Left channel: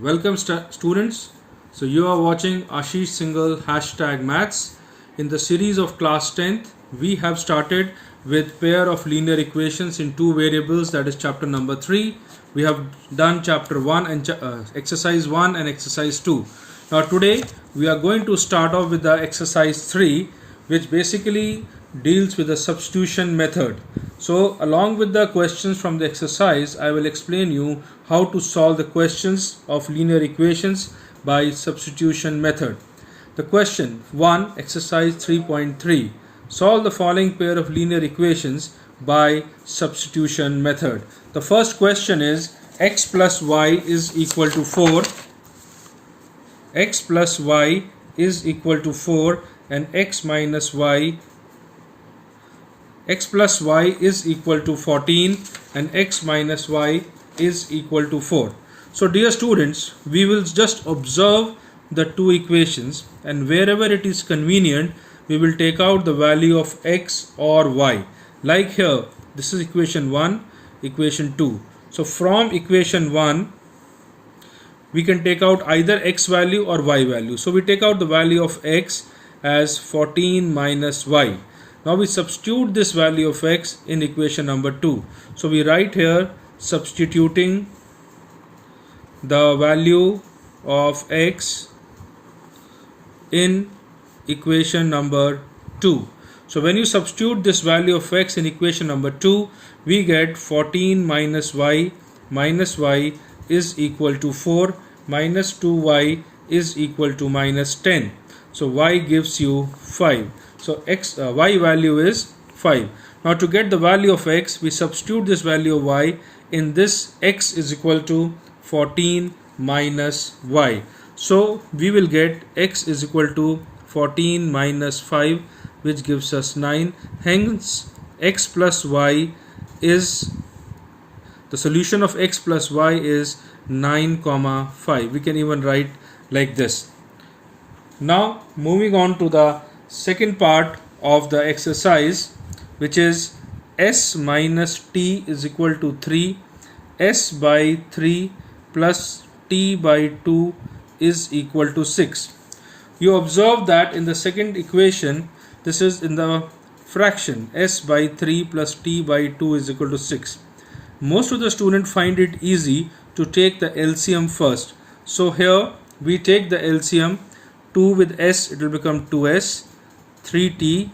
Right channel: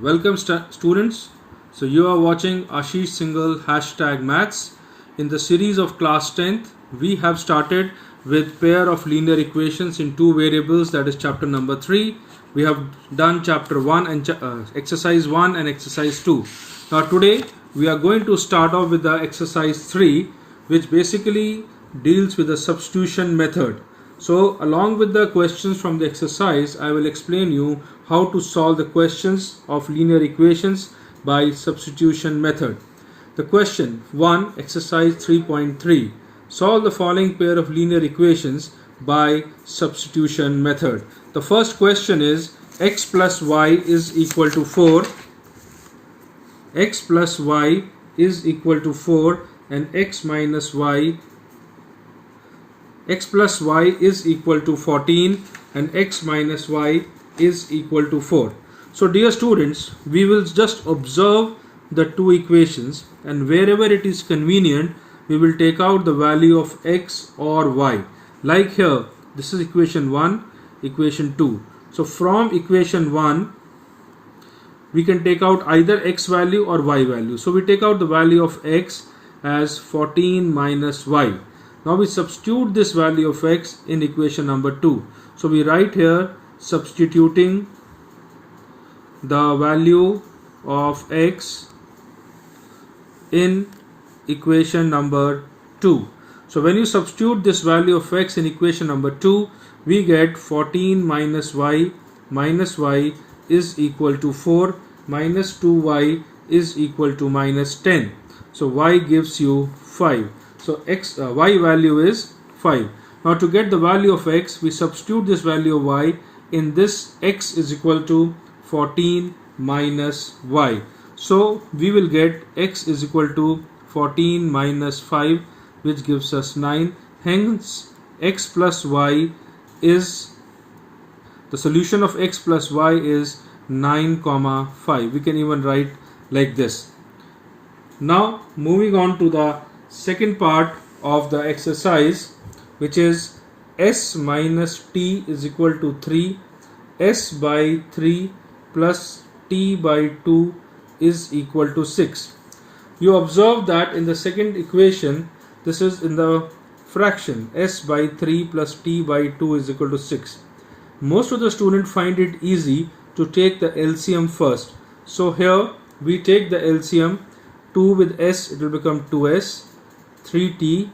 Welcome students. So you are watching ASHISH Singhal #maths. In the series of class 10th, we have started with pair of linear equations in two variables, that is chapter number 3. We have done chapter 1 and exercise 1 and exercise 2. Now today we are going to start off with the exercise 3, which basically deals with the substitution method. So along with the questions from the exercise, I will explain you how to solve the questions of linear equations by substitution method. The question 1, exercise 3.3. Solve the following pair of linear equations by substitution method. The first question is x plus y is equal to 4. X plus y is equal to 4 and x plus y is equal to 14 and x minus y is equal to 4. So dear students, we will just observe the two equations, and wherever it is convenient we will take out the value of x or y. Like here, this is equation 1, equation 2. So from equation 1 we can take out either x value or y value. So we take out the value of x as 14 minus y. Now we substitute this value of x in equation number 2. So we write here substituting the value of x in equation number 2. So when you substitute this value of x in equation number 2, we get 14 minus y is equal to 4 minus 2y is equal to minus 10. So y gives you 5. So y value is 5. Now to get the value of x, we substitute this value of y in this x is equal to 14 minus y. So we will get x is equal to 14 minus 5, which gives us 9. Hence x plus y is, the solution of x plus y is 9, 5. We can even write like this. Now moving on to the second part of the exercise, which is s minus t is equal to 3, s by 3 plus t by 2 is equal to 6. You observe that in the second equation, this is in the fraction, s by 3 plus t by 2 is equal to 6. Most of the students find it easy to take the LCM first. So here we take the LCM. 2 with s, it will become 2s, 3t.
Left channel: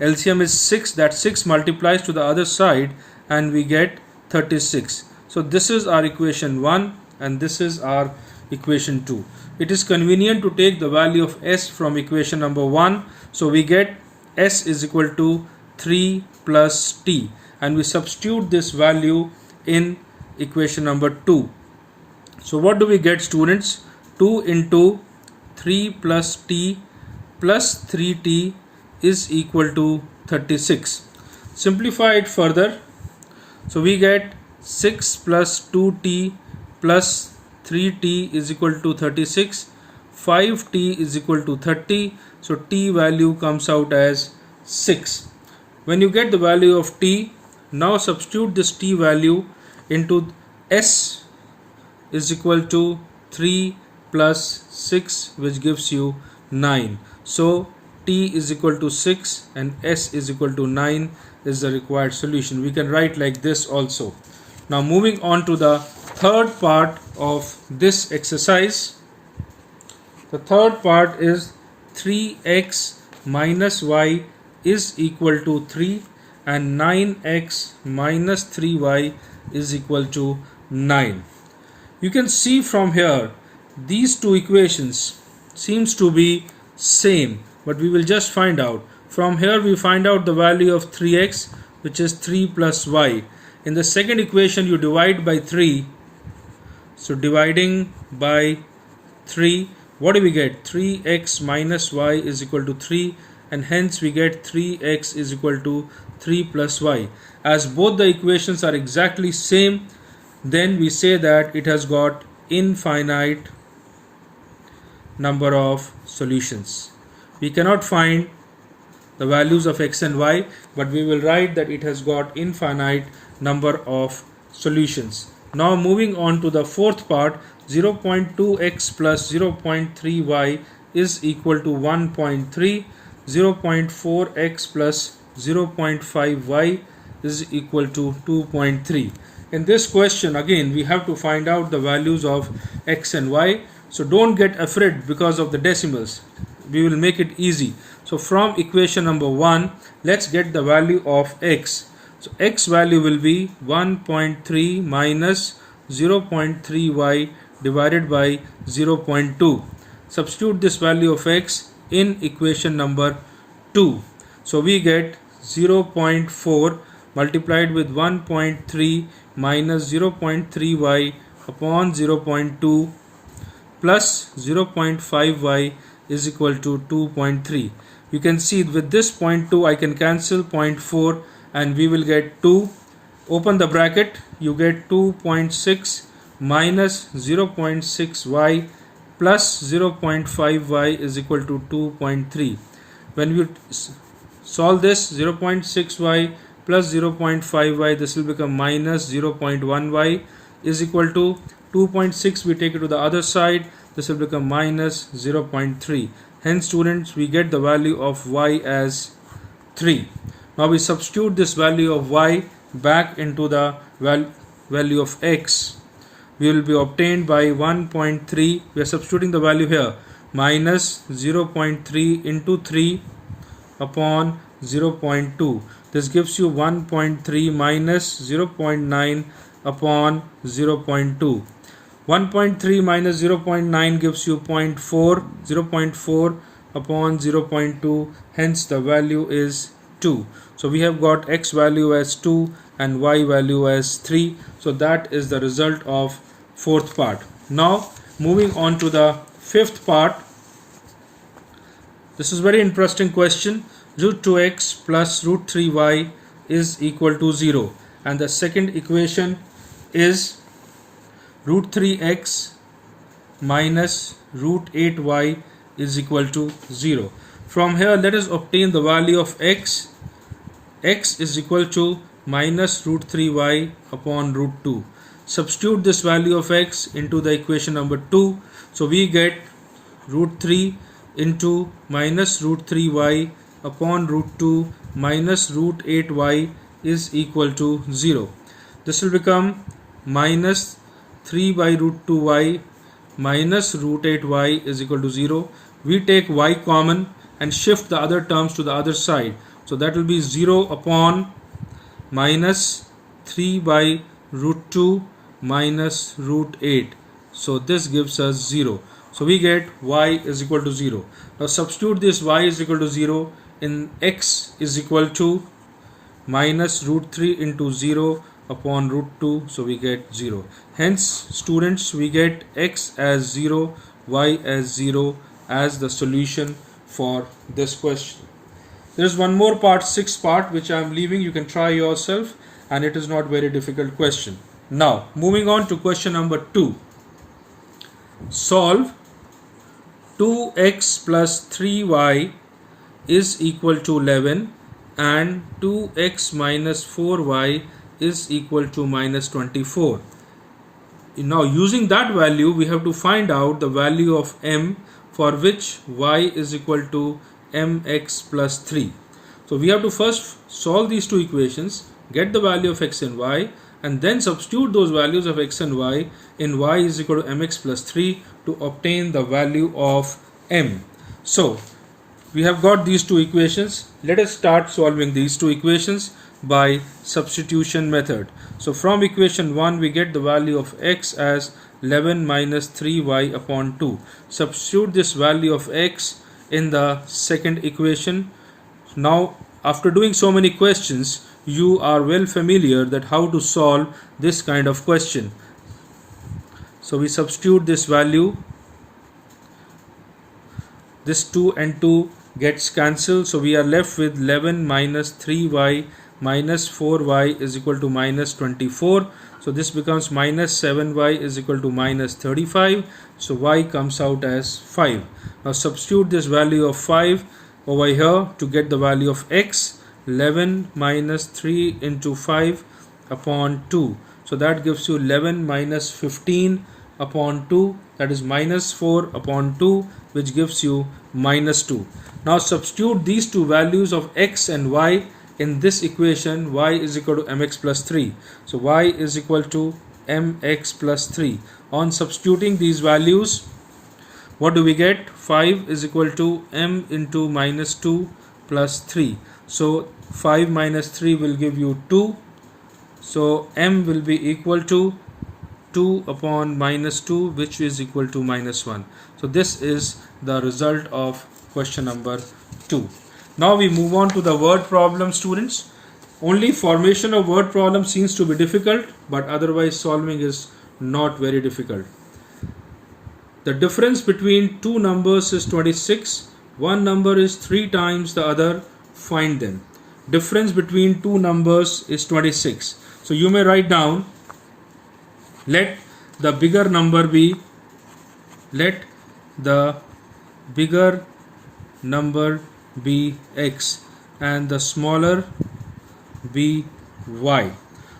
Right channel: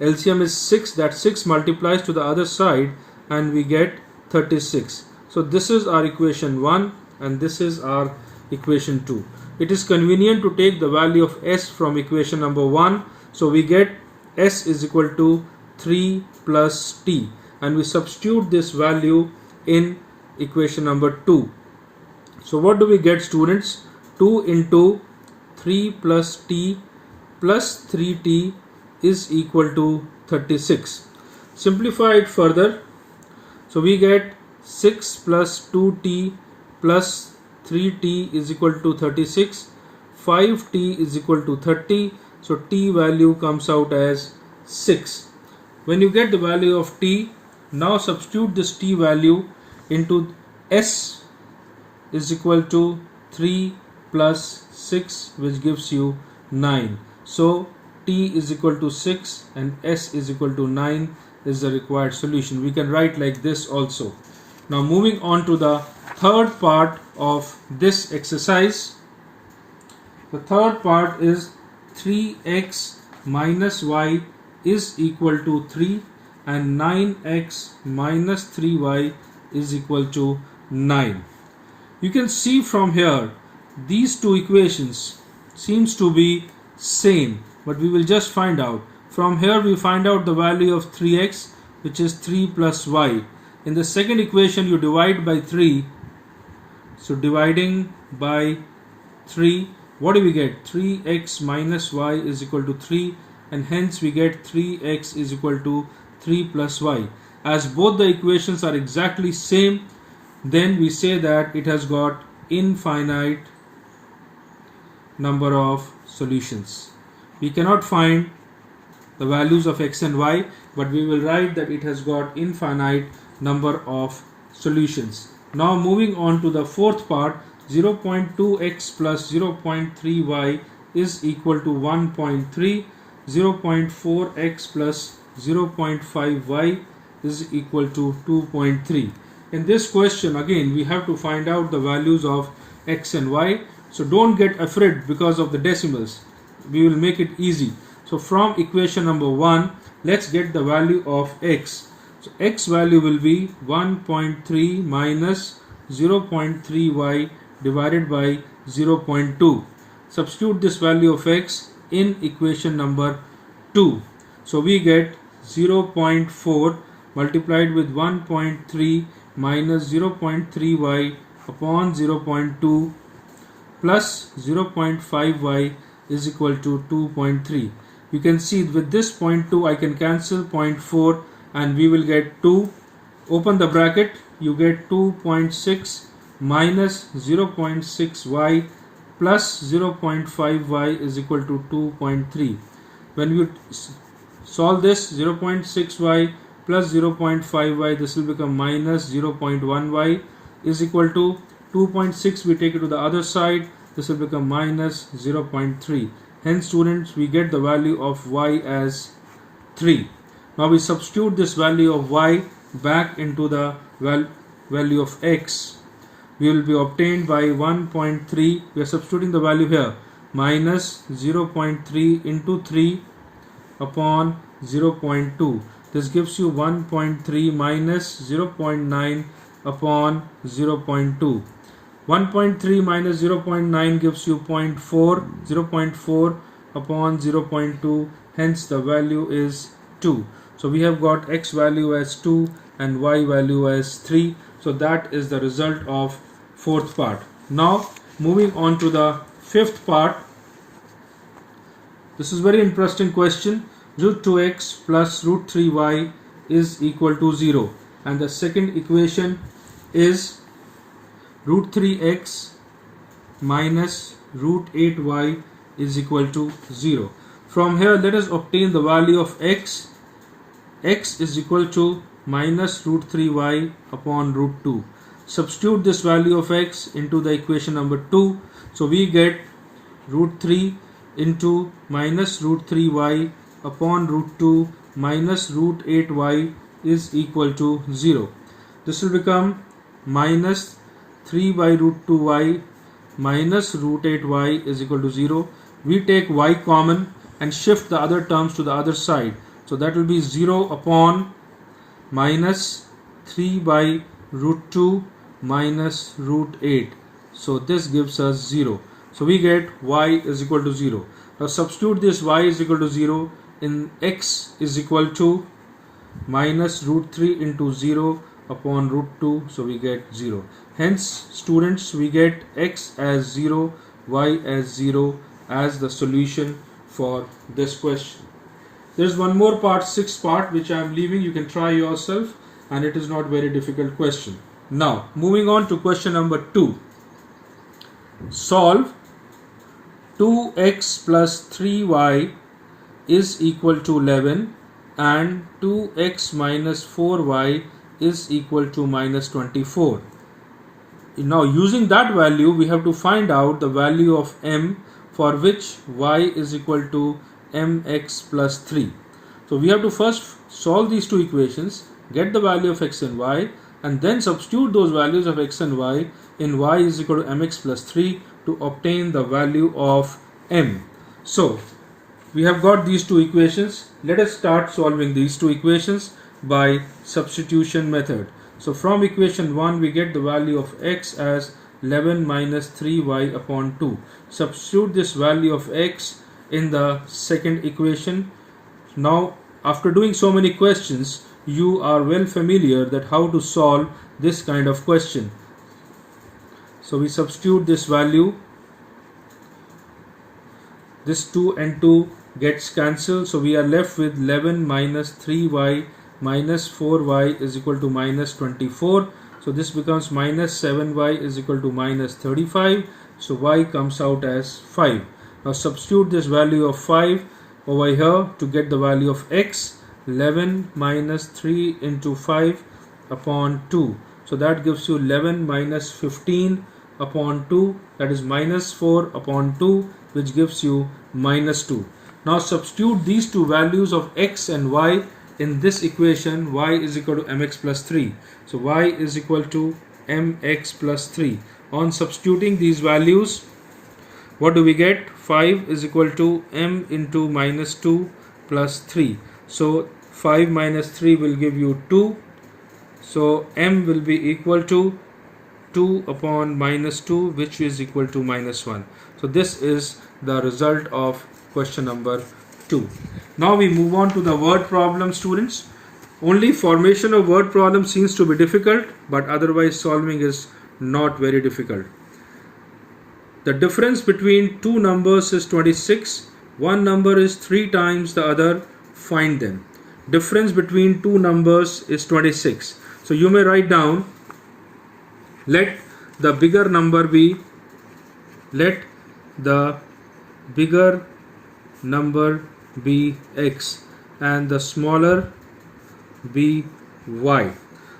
LCM is 6, that 6 multiplies to the other side and we get 36. So this is our equation 1 and this is our equation 2. It is convenient to take the value of s from equation number 1. So we get s is equal to 3 plus t, and we substitute this value in equation number 2. So what do we get, students? 2 into 3 plus t plus 3t is equal to 36. Simplify it further. So we get 6 plus 2t plus 3t is equal to 36. 5t is equal to 30. So t value comes out as 6. When you get the value of t, now substitute this t value into s is equal to 3 plus 6, which gives you 9. So t is equal to 6 and s is equal to 9 is the required solution. We can write like this also. Now moving on to the third part of this exercise. The third part is 3x minus y is equal to 3 and 9x minus 3y is equal to 9. You can see from here these two equations seems to be same, but we will just find out. From here we find out the value of 3x, which is 3 plus y. In the second equation you divide by 3. So dividing by 3, what do we get? 3x minus y is equal to 3, and hence we get 3x is equal to 3 plus y. As both the equations are exactly same, then we say that it has got infinite number of solutions. We cannot find the values of x and y, but we will write that it has got infinite number of solutions. Now moving on to the fourth part, 0.2x plus 0.3y is equal to 1.3, 0.4x plus 0.5y is equal to 2.3. In this question again we have to find out the values of x and y. So don't get afraid because of the decimals. We will make it easy. So from equation number 1, let's get the value of x. So x value will be 1.3 minus 0.3y divided by 0.2. Substitute this value of x in equation number 2. So we get 0.4 multiplied with 1.3 minus 0.3y upon 0.2 plus 0.5y is equal to 2.3. You can see with this 0.2 I can cancel 0.4 and we will get 2. Open the bracket, you get 2.6 minus 0.6y plus 0.5y is equal to 2.3. When we solve this, 0.6y plus 0.5y, this will become minus 0.1y is equal to 2.6. We take it to the other side, this will become minus 0.3. Hence students, we get the value of y as 3. Now we substitute this value of y back into the value of x. We will be obtained by 1.3. We are substituting the value here, minus 0.3 into 3 upon 0.2. This gives you 1.3 minus 0.9 upon 0.2. 1.3 minus 0.9 gives you 0.4, 0.4 upon 0.2. Hence the value is 2. So we have got x value as 2 and y value as 3. So that is the result of fourth part. Now moving on to the fifth part. This is very interesting question. Root 2x plus root 3y is equal to 0. And the second equation is root 3x minus root 8y is equal to 0. From here let us obtain the value of x. X is equal to minus root 3y upon root 2. Substitute this value of x into the equation number 2. So we get root 3 into minus root 3y upon root 2 minus root 8y is equal to 0. This will become minus 3 by root 2y minus root 8y is equal to 0. We take y common and shift the other terms to the other side. So that will be 0 upon minus 3 by root 2 minus root 8. So this gives us 0. So we get y is equal to 0. Now substitute this y is equal to 0 in x is equal to minus root 3 into 0 upon root 2. So we get 0. Hence students, we get x as 0, y as 0 as the solution for this question. There is one more part, sixth part, which I am leaving. You can try yourself and it is not very difficult question. Now moving on to question number 2. Solve 2x plus 3y is equal to 11 and 2x minus 4y is equal to minus 24. Now using that value we have to find out the value of m for which y is equal to mx plus 3. So we have to first solve these two equations, get the value of x and y, and then substitute those values of x and y in y is equal to mx plus 3 to obtain the value of m. So we have got these two equations. Let us start solving these two equations by substitution method. So from equation 1 we get the value of x as 11 minus 3y upon 2. Substitute this value of x in the second equation. Now after doing so many questions, you are well familiar that how to solve this kind of question. So we substitute this value. This 2 and 2 gets cancelled. So we are left with 11 minus 3y minus 4y is equal to minus 24. So this becomes minus 7y is equal to minus 35. So y comes out as 5. Now substitute this value of 5 over here to get the value of x. 11 minus 3 into 5 upon 2. So that gives you 11 minus 15 upon 2, that is minus 4 upon 2, which gives you minus 2. Now substitute these two values of x and y in this equation. Y is equal to mx plus 3. So y is equal to mx plus 3. On substituting these values, what do we get? 5 is equal to m into minus 2 plus 3. So 5 minus 3 will give you 2. So m will be equal to 2 upon minus 2, which is equal to minus 1. So this is the result of question number 2. Now we move on to the word problem, students. Only formation of word problem seems to be difficult, but otherwise solving is not very difficult. The difference between two numbers is 26. One number is 3 times the other. Find them. Difference between two numbers is 26. So you may write down, let the bigger number be x and the smaller be y.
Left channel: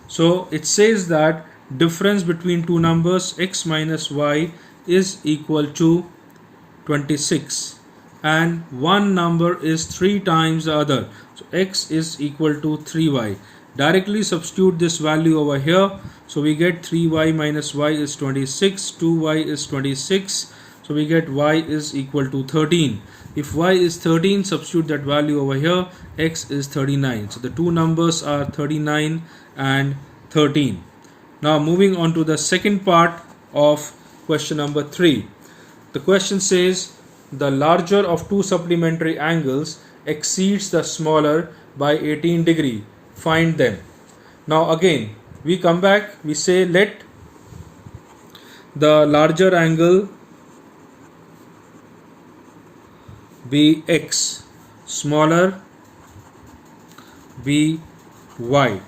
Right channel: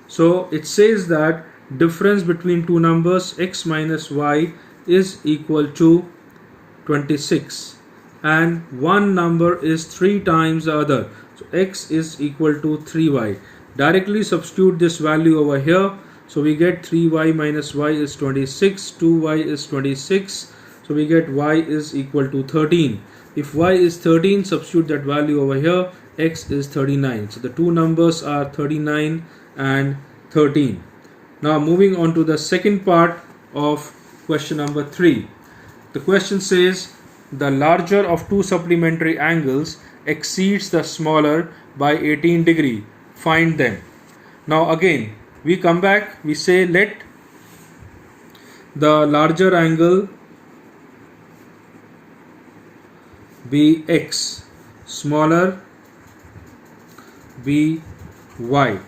So it says that difference between two numbers x minus y is equal to 26 and one number is 3 times the other. So x is equal to 3y. Directly substitute this value over here. So we get 3y minus y is 26, 2y is 26. So we get y is equal to 13. If y is 13, substitute that value over here. X is 39. So the two numbers are 39 and 13. Now moving on to the second part of question number 3. The question says the larger of two supplementary angles exceeds the smaller by 18 degree. Find them. Now again we come back, we say let the larger angle be x, smaller be y.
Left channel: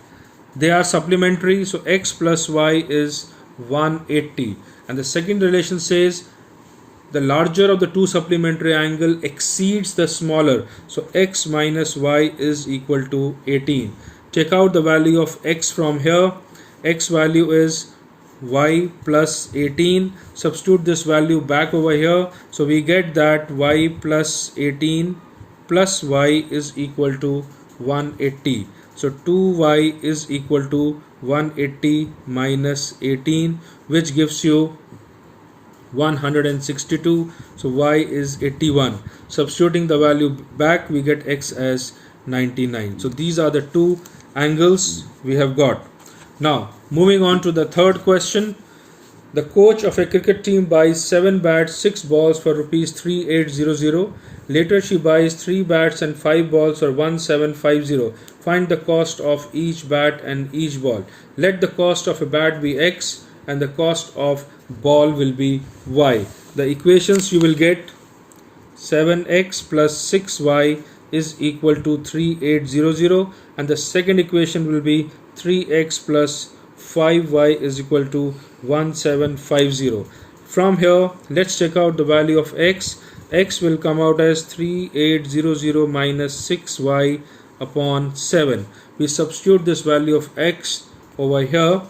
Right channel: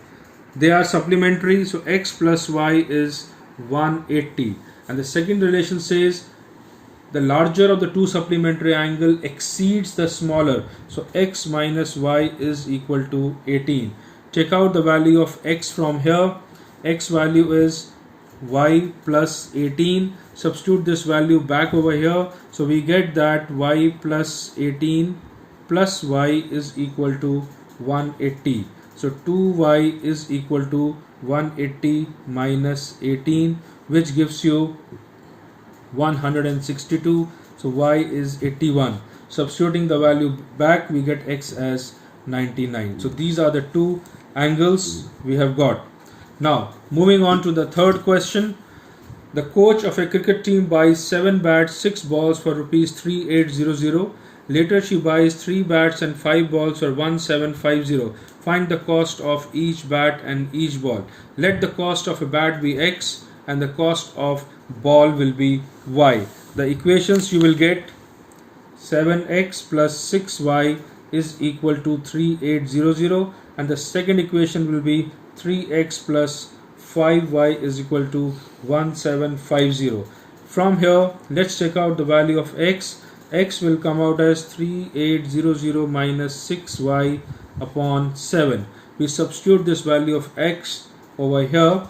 They are supplementary, so x plus y is 180. And the second relation says the larger of the two supplementary angle exceeds the smaller, so x minus y is equal to 18. Take out the value of x from here. X value is y plus 18. Substitute this value back over here. So we get that y plus 18 plus y is equal to 180. So 2y is equal to 180 minus 18, which gives you 162. So y is 81. Substituting the value back, we get x as 99. So these are the two angles we have got. Now moving on to the third question. The coach of a cricket team buys 7 bats, 6 balls for rupees 3800. Later she buys 3 bats and 5 balls for 1750. Find the cost of each bat and each ball. Let the cost of a bat be x and the cost of ball will be y. The equations you will get: 7x plus 6y is equal to 3800, and the second equation will be 3x plus 5y is equal to 1750. From here, let's check out the value of x. X will come out as 3800 minus 6y upon 7. We substitute this value of x over here.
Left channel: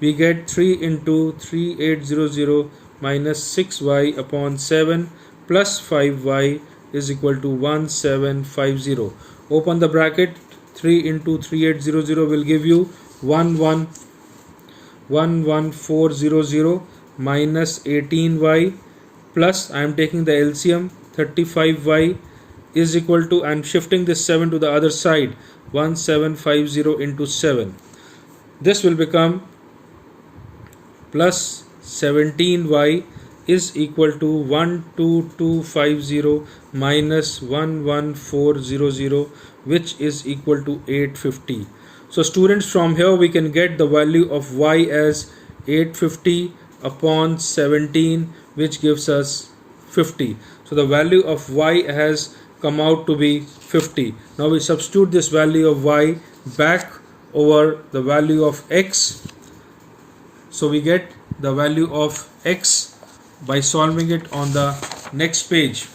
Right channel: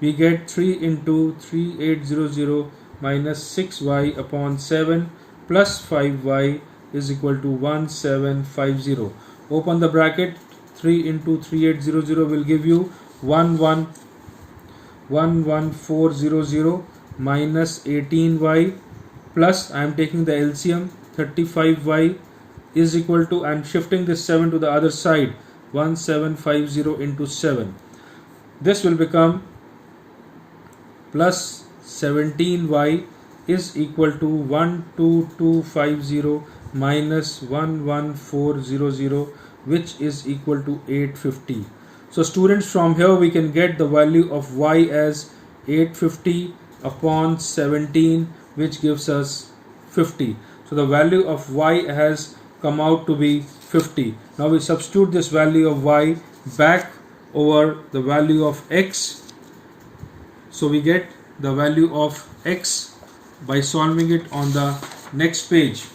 We get 3 into 3800 minus 6y upon 7 plus 5y is equal to 1750. Open the bracket. 3 into 3800 will give you 11400 minus 18y plus, I am taking the LCM, 35y is equal to, I am shifting this 7 to the other side, 1750 into 7. This will become plus 17y is equal to 12250 minus 11400, which is equal to 850. So students, from here we can get the value of y as 850 upon 17, which gives us 50. So the value of y has come out to be 50. Now we substitute this value of y back over the value of x. So we get the value of x by solving it on the next page.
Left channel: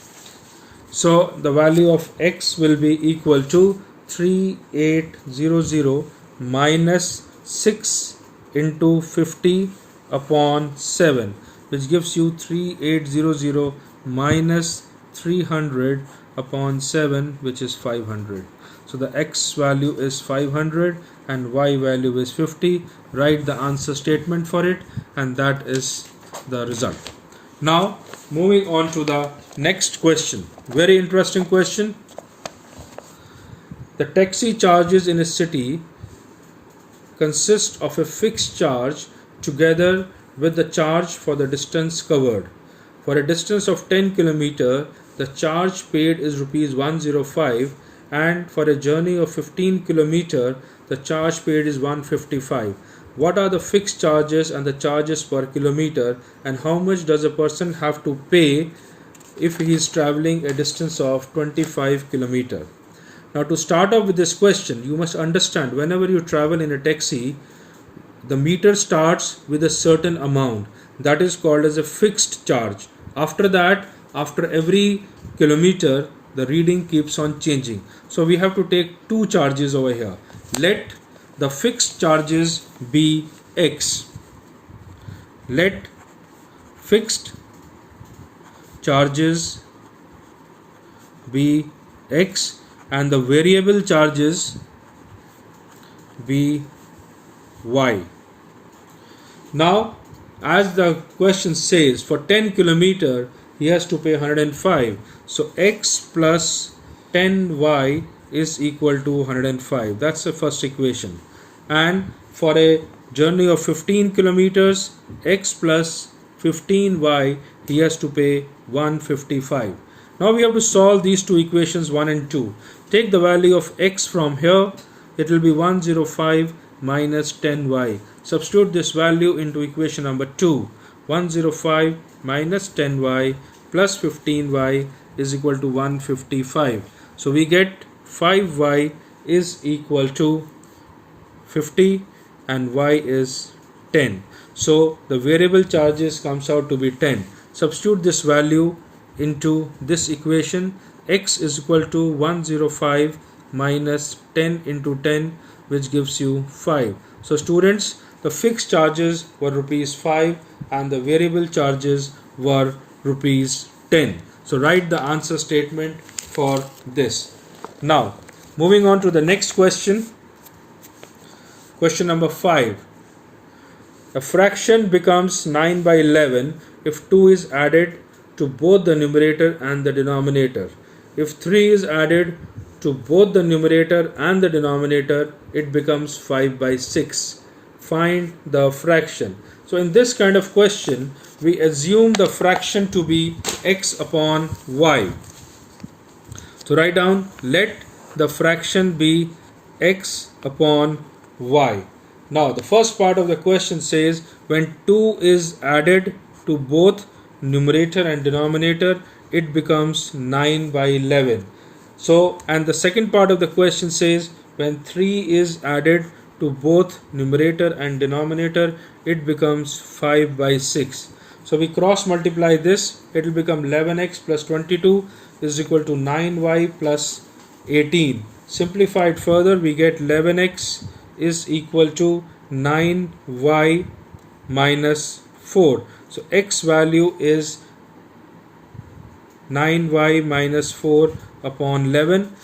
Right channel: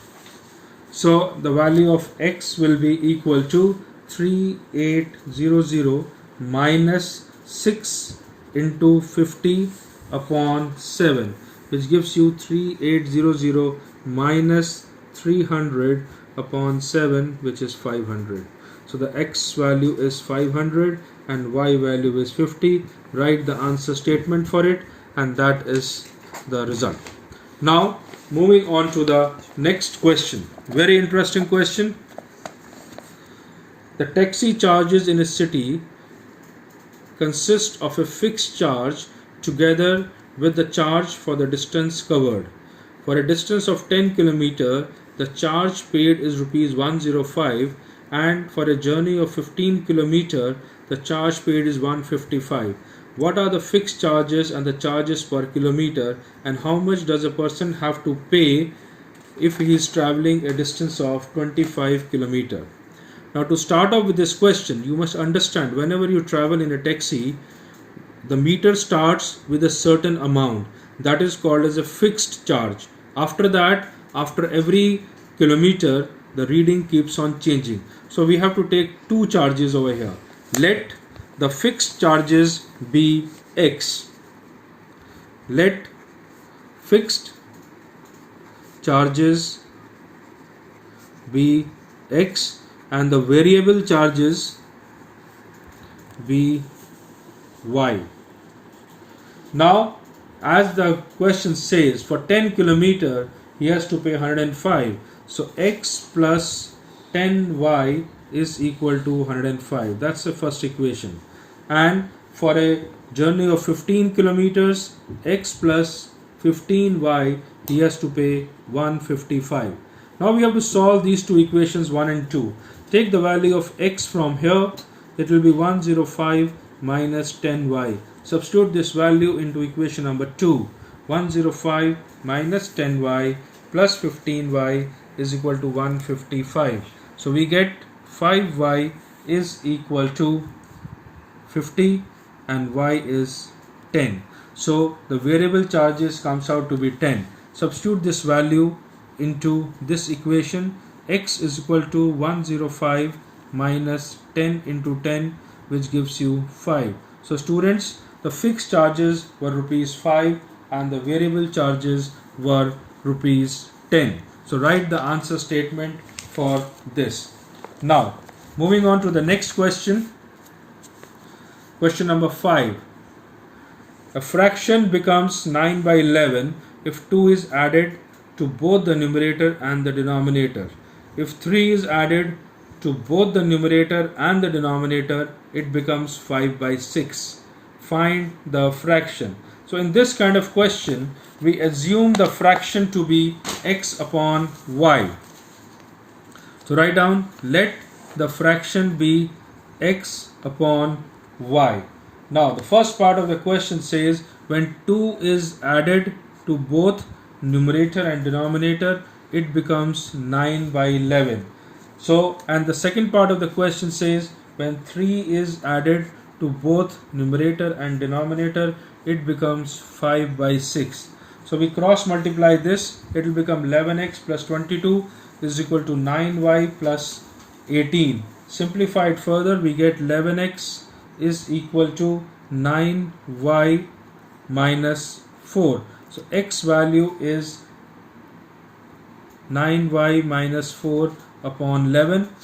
So the value of x will be equal to 3800 minus 6 into 50 upon 7, which gives you 3800 minus 300 upon 7, which is 500. So the x value is 500 and y value is 50. Write the answer statement for it, and that is the result. Now moving on to the next question. Very interesting question. The taxi charges in a city consist of a fixed charge together with the charge for the distance covered. For a distance of 10 km, the charge paid is rupees 105, and for a journey of 15 km, the charge paid is 155. What are the fixed charges and the charges per kilometer, and how much does a person have to pay if he is traveling a distance of 25 km? Now, to start off with this question, you must understand whenever you travel in a taxi, the meter starts with a certain amount that is called as a fixed charge. After that, after every kilometer, the reading keeps on changing. So we have to take two charges over here. Let the fixed charges be x. Let fixed charges be x and the variable charges be y. Now, as the question says, for 10 km he has to pay 105. So x plus 10y is equal to 105. That's the first equation. And for a journey of 15 kilometers, x plus 15y, he has to pay 155. Now we have to solve these two equations 1 and 2. Take the value of x from here. It will be 105 minus 10y. Substitute this value into equation number 2. 105 minus 10y plus 15y is equal to 155. So we get 5y is equal to 50 and y is 10. So the variable charges comes out to be 10. Substitute this value into this equation. X is equal to 105 minus 10 into 10, which gives you 5. So students, the fixed charges were rupees 5 and the variable charges were rupees 10. So write the answer statement for this. Now moving on to the next question. Question number 5. A fraction becomes 9 by 11 if 2 is added to both the numerator and the denominator. If 3 is added to both the numerator and the denominator, it becomes 5 by 6. Find the fraction. So in this kind of question, we assume the fraction to be x upon y. So write down, let the fraction be x upon y. Now the first part of the question says when 2 is added to both numerator and denominator, it becomes 9 by 11. So, and the second part of the question says when 3 is added to both numerator and denominator, it becomes 5 by 6. So we cross multiply this, it will become 11x plus 22 is equal to 9y plus 18. Simplified further, we get 11x is equal to 9y minus 4. So x value is 9y minus 4 upon 11.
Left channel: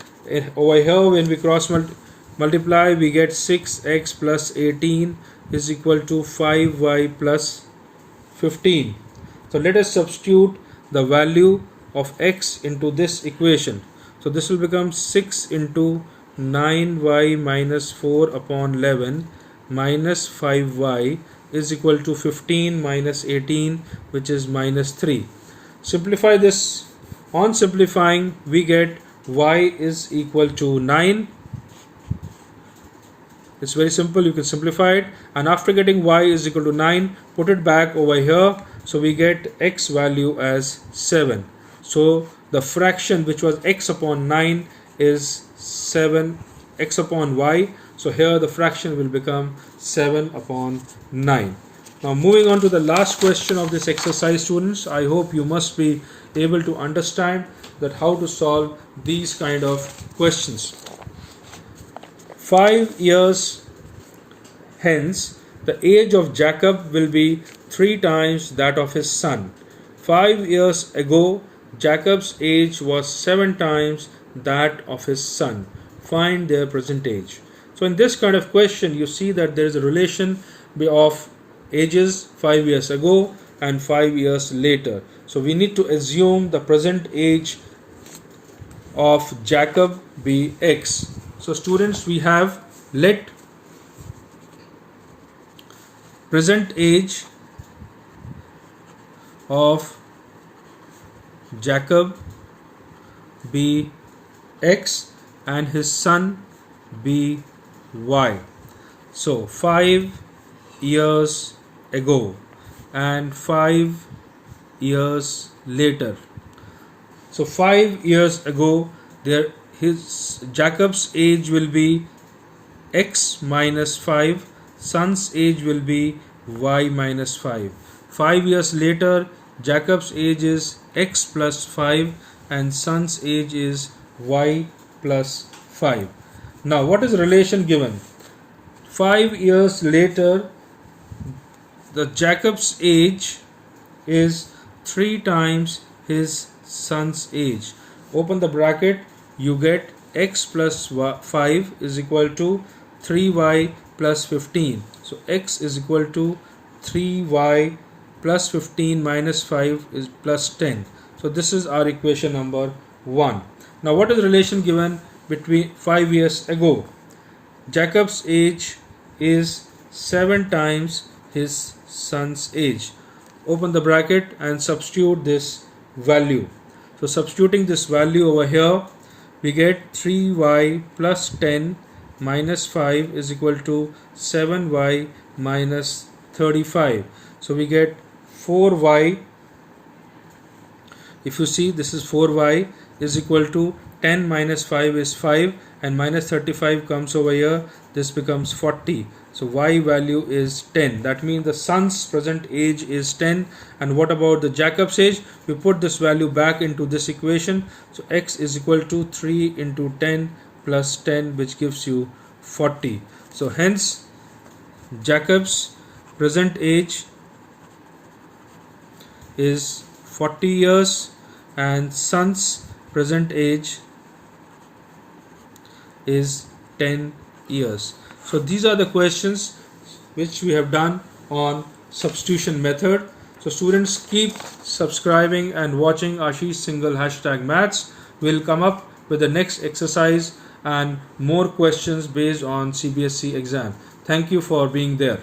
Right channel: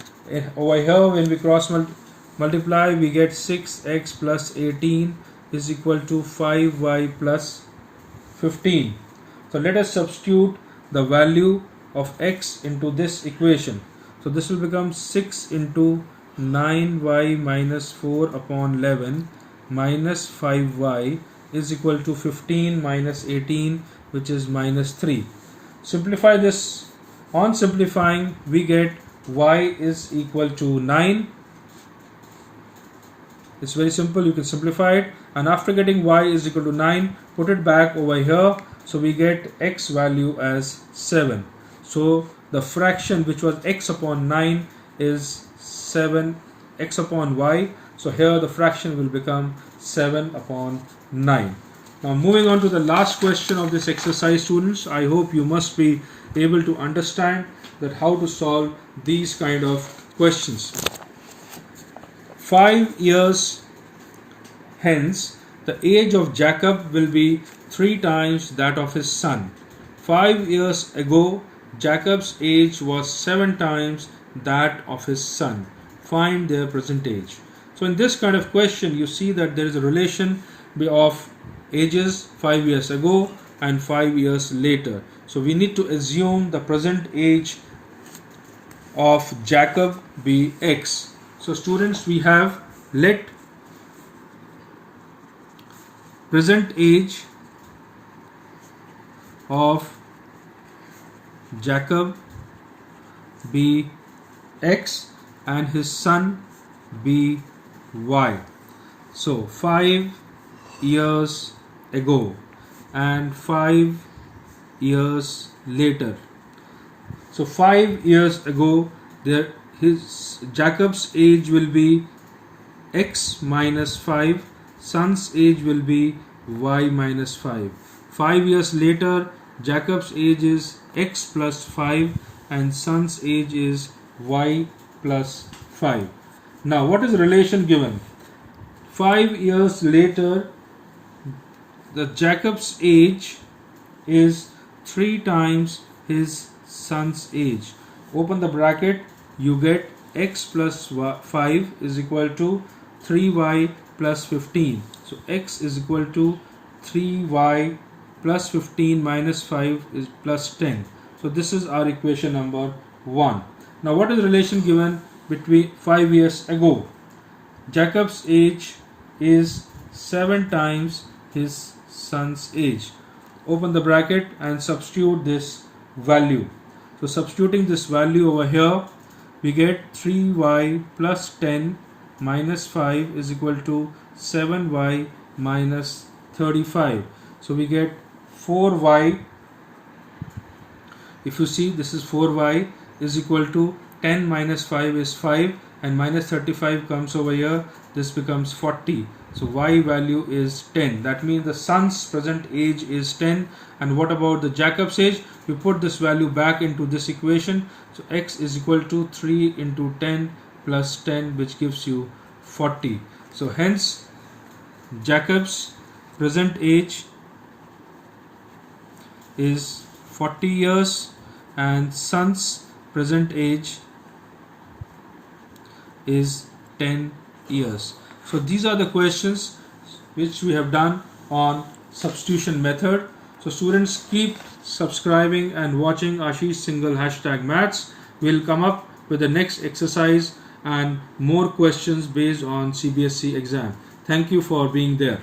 Over here when we cross multiply, we get 6x plus 18 is equal to 5y plus 15. So let us substitute the value of x into this equation. So this will become 6 into 9y minus 4 upon 11 minus 5y is equal to 15 minus 18, which is minus 3. Simplify this. On simplifying, we get y is equal to 9. It's very simple, you can simplify it. And after getting y is equal to 9, put it back over here. So we get x value as 7. So the fraction which was x upon 9 is 7 x upon y. So here the fraction will become 7 upon 9. Now moving on to the last question of this exercise, students. I hope you must be able to understand that how to solve these kind of questions. 5 years hence, the age of Jacob will be 3 times that of his son. 5 years ago, Jacob's age was 7 times that of his son. Find their present age. So in this kind of question, you see that there is a relation of ages 5 years ago and 5 years later. So we need to assume the present age of Jacob be X. So students, we have let present age of Jacob be X and his son be Y. So 5 years ago and 5 years later. So 5 years ago, Jacob's age will be X minus 5, son's age will be Y minus 5. 5 years later, Jacob's age is X plus 5 and son's age is Y plus 5. Now what is the relation given? 5 years later, the Jacob's age is 3 times his son's age. Open the bracket, you get X plus 5 is equal to 3Y plus 15. So X is equal to 3Y plus 15 minus 5 is plus 10. So this is our equation number 1. Now what is the relation given between 5 years ago? Jacob's age is 7 times his son's age. Open the bracket and substitute this value. So substituting this value over here, we get 3y plus 10 minus 5 is equal to 7y minus 35. So we get 4y. If you see, this is 4y is equal to 10 minus 5 is 5 and minus 35 comes over here. This becomes 40. So y value is 10. That means the son's present age is 10. And what about the Jacob's age? We put this value back into this equation. So x is equal to 3 into 10 plus 10, which gives you 40. So hence Jacob's present age is 40 years and son's present age is 10 years. So these are the questions which we have done on substitution method. So students, keep subscribing and watching ASHISH Singhal #maths. We'll come up with the next exercise and more questions based on CBSE exam. Thank you for being there.